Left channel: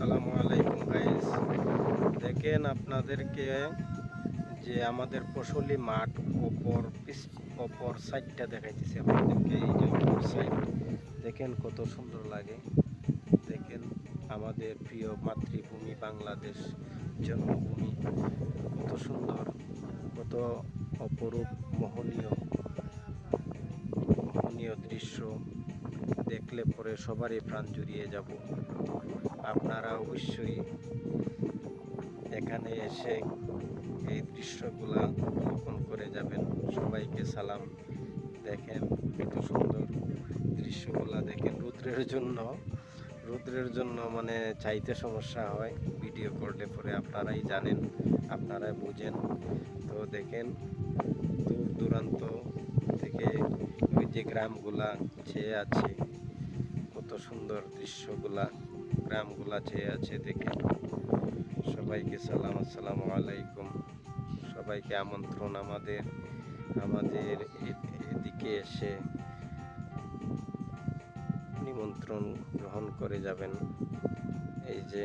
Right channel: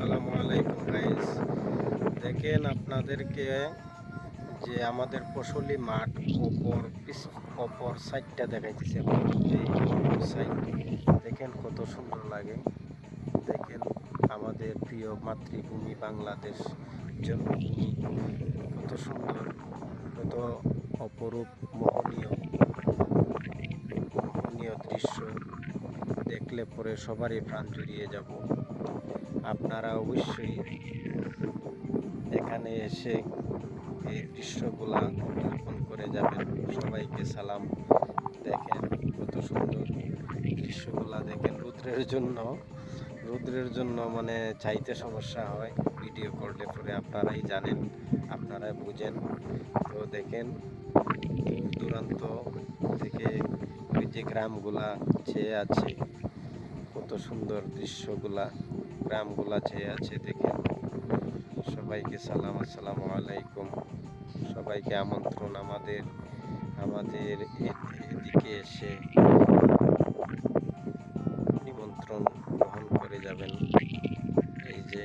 আসসালামু আলাইকুম গাইস। দেখেন আপনাদেরকে যে আমাদের ফসলি মাঠ অপর সাইডটা দেখাইতেছে। এই যে অপর সাইড দেখেন কত সুন্দর লাগে। দেখেন আমাদের প্রিয় মাতৃভূমি বাংলাদেশ জন্মভূমি কত সুন্দর, কত অপরূপ মোহনীয় দৃশ্য দেখলে পরে সবারই প্রাণ জুড়িয়ে যাব। আপনারা অবশ্যই এখানে এসে এই দৃশ্যগুলা অবলোকন করে যাবেন। সবাইকে সালাম। দেখেন কত সুন্দর দৃশ্যগুলা। দেখেন রৌদ্রের জন্য মানে চাইতে সমস্যা হয়, ভিডিও করলে পরে আপনারাই জানেন, আপনারাই বুঝেন। তো দেখেন দূর দূরান্ত থেকে ওই যে গ্রামগুলা চেয়ে আছে, কত সুন্দর দৃশ্যগুলা, গ্রামগুলা চেয়ে আছে। দেখেন সবাইকে সালাম, আসসালামু আলাইকুম। সবাইকে আমন্ত্রণ আমাদের আমাদের এদিকে এসে নিমন্ত্রণ গ্রহণ করে যাবেন। এই যে